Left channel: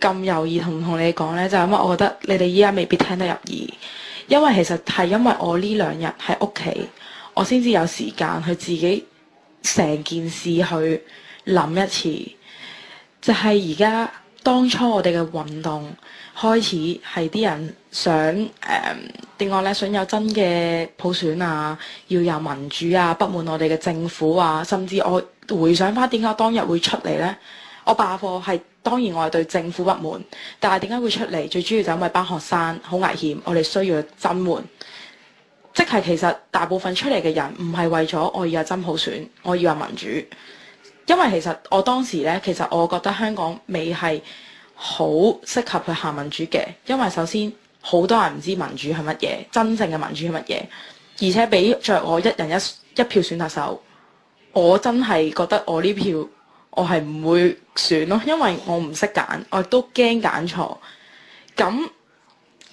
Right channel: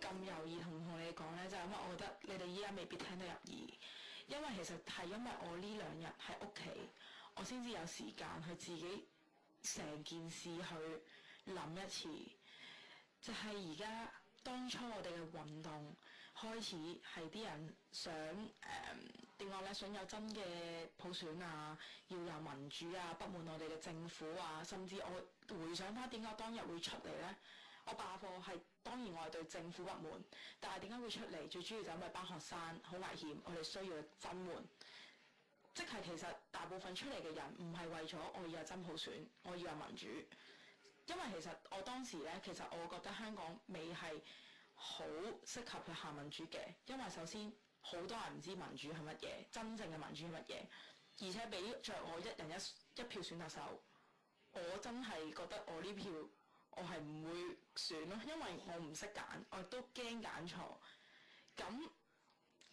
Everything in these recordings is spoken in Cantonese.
咁猶豫同你講呢，就係因為我覺得你哋依家未必聽得入耳，因為其實係因為我呢2日喺屋企，我先至有時間去自己成件事去諗一次，就係而家當初我哋嘅運動開始係啲人想點講呢？想有真嘅普選啊，要有民主啊，不滿我哋嘅政府啊，甚至我回想翻點解當日會出嚟呢？我罷課係當然我係對政府不滿，但係點解會出嚟？最主要就因為班學生好危險，我哋需要增援。即係其實大部分出嚟嘅人唔係為咗我要有真普選，我要有民主。因為其實我當時呢，其實我覺得香港未係好適合去行民主嘅，因為首先好多人唔知民主係乜嘢，真正嘅民主係乜嘢，而且俾着我一人一票選特首，我真係覺得我呢票我係唔會選咯，因為我唔識揀，我亦都驚揀錯。咁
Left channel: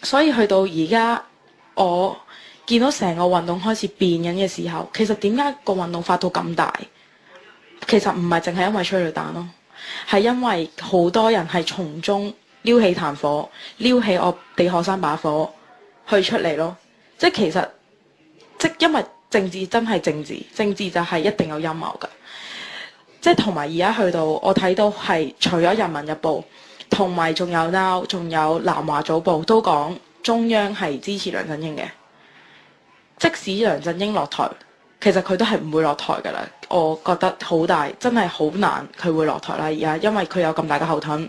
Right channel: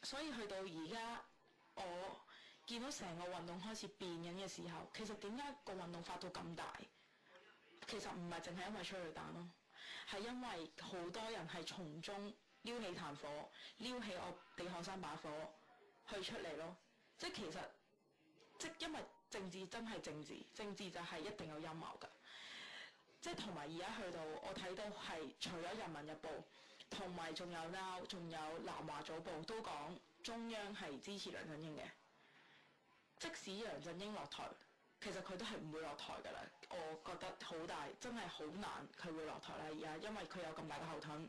所以去到而家，我見到成個運動開始變緊嘅時候，其實點解個運動發到咁大？其實唔係淨係因為催淚彈咯，係因為好多人係從中撩起炭火，撩起我哋學生把火去出嚟咯。即係其實因為政治真係政治，政治就係一定有陰謀㗎。即係同埋而家去到我睇到係除咗《人民日報》同埋仲有 Now 仲有南華早報都講中央係支持梁振英嘅，即使梁振英落台，其實佢都係唔會落台㗎啦。我覺得好大，真係好難佢會落台啦。而家因為佢有咁大嘅後盾，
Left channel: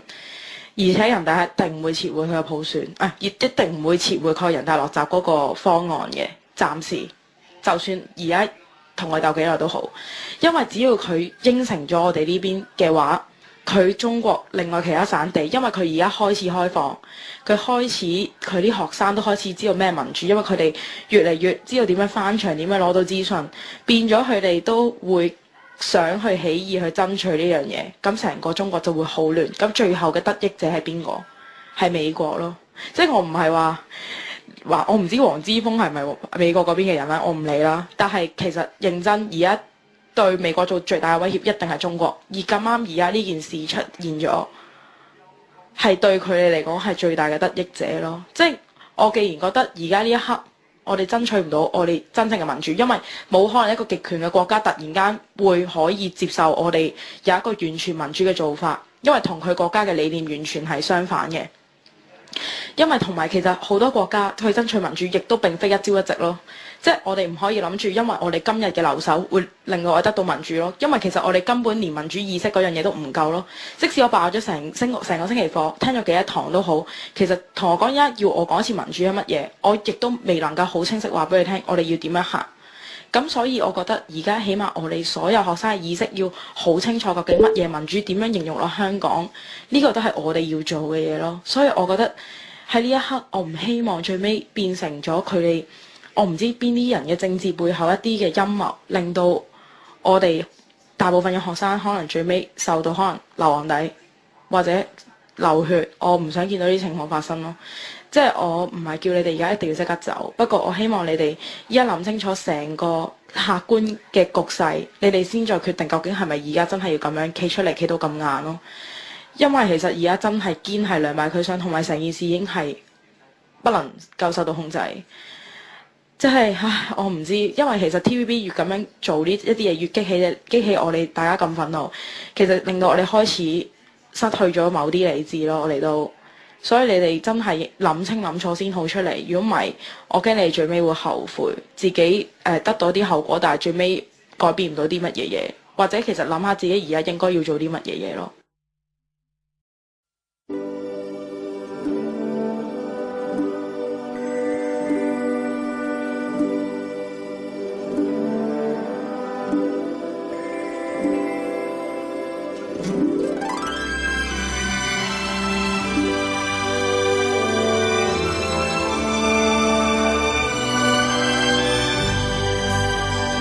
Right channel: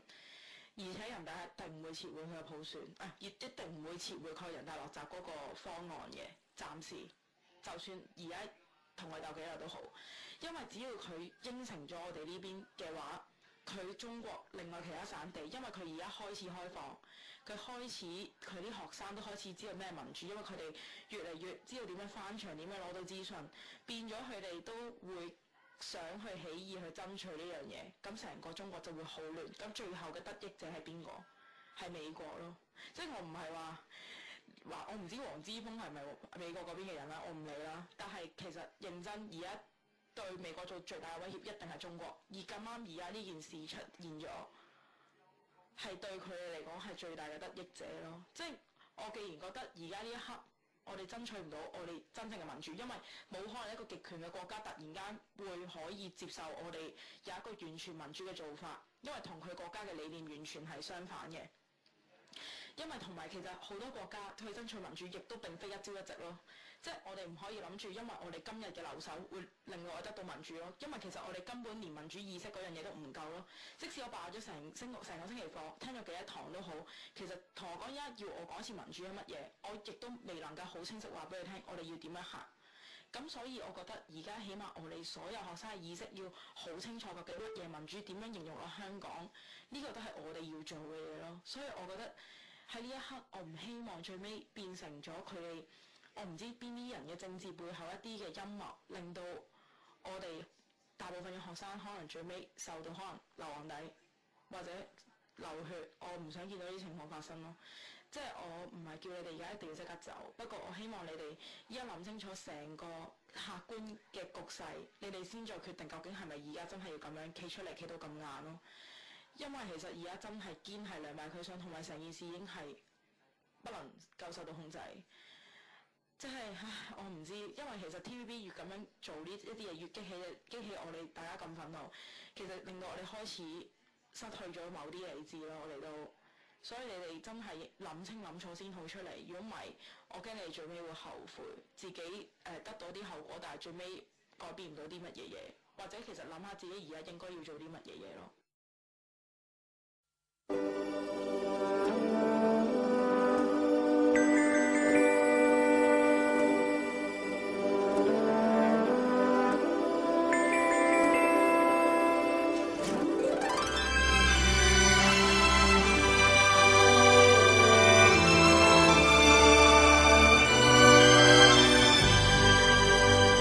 而且人大一定唔會撤回佢嘅普選，亦一定唔會撤回佢人大落閘嗰個方案嘅。暫時就算而家同我鬥幾耐都好，因為只要佢應承咗我哋呢邊嘅話，佢中國另外其他省地，因為佢而家開始開放，佢啲學生都開始知道咩民主，因為佢哋越嚟越知道點樣翻牆，點樣攞到資訊，變咗佢哋都會想去起義去爭取呢樣嘢，咁成個中國就會好亂。咁最後嘅得益者係邊個？係美國咯。即係我唔係話我唔知黃之鋒係咪美國嗰邊嘅人啦，我唔理啦。但係其實認真而家對美國做最大嘅威脅一定係中國，而咁啱而家呢件事出現咗，係對佢哋嚟講係最大嘅得益者咯。即係我既然覺得而家呢一刻我哋爭取唔到我哋真正嘅民主，因為冇可能一個極權嘅國家突然間會可以接受我哋有一個完全民主嘅做法，因為同佢國家嘅理念完全係相反嘅。因為同埋其實好多國家去爭取民主，亦都並非一朝一夕咯。即係我哋唔可以諗住，因為我哋今日嘅留守會令到我哋得到民主咯。因為其實我哋根本連民主意識嗰樣嘢都唔夠咯。即使我爆咗成個星期課，聽咗幾多堂都好，其實同我講而家要我講一次民主係乜嘢，我亦都未能夠好清晰話俾你聽，我哋要點樣行。咁所以我覺得而家起碼我哋所有學生嘅意識要好清楚究竟乜嘢民主點樣形容落香港，呢個都係我哋要做嘅嘢咯。所以我覺得喺呢一刻，我唔希望最尾變成咗佢哋，我唔知邊啲人嘅政治背後一啲嘅陰謀，令到我哋大部分嘅學生可能最尾受到可能流黃底或者流血。我唔想見到呢啲情況發生咯。即係我唔係叫你哋而家一定要即刻走，不過我希望你哋依家諗清楚成個客觀嘅局勢，你哋先再決定究竟係咪而家真係要咁樣企出嚟企到咁硬咯。因為其實而家真係堅係兩敗俱傷，同埋成件事已經係不能夠受到控制。即係我唔知，因為其實 TVB 越咁樣做呢一啲嘢，越激起我哋大家咁憤怒，其實令到我哋開始失去咗某啲理智咯。我哋都，所以你哋真係諗清諗楚先好出嚟。如果唔係，我驚你哋最尾會後悔自己得到啲後果，但係最尾改變唔到啲乜嘢嘢，或者其實諗下自己而家應該要做啲乜嘢嘢咯。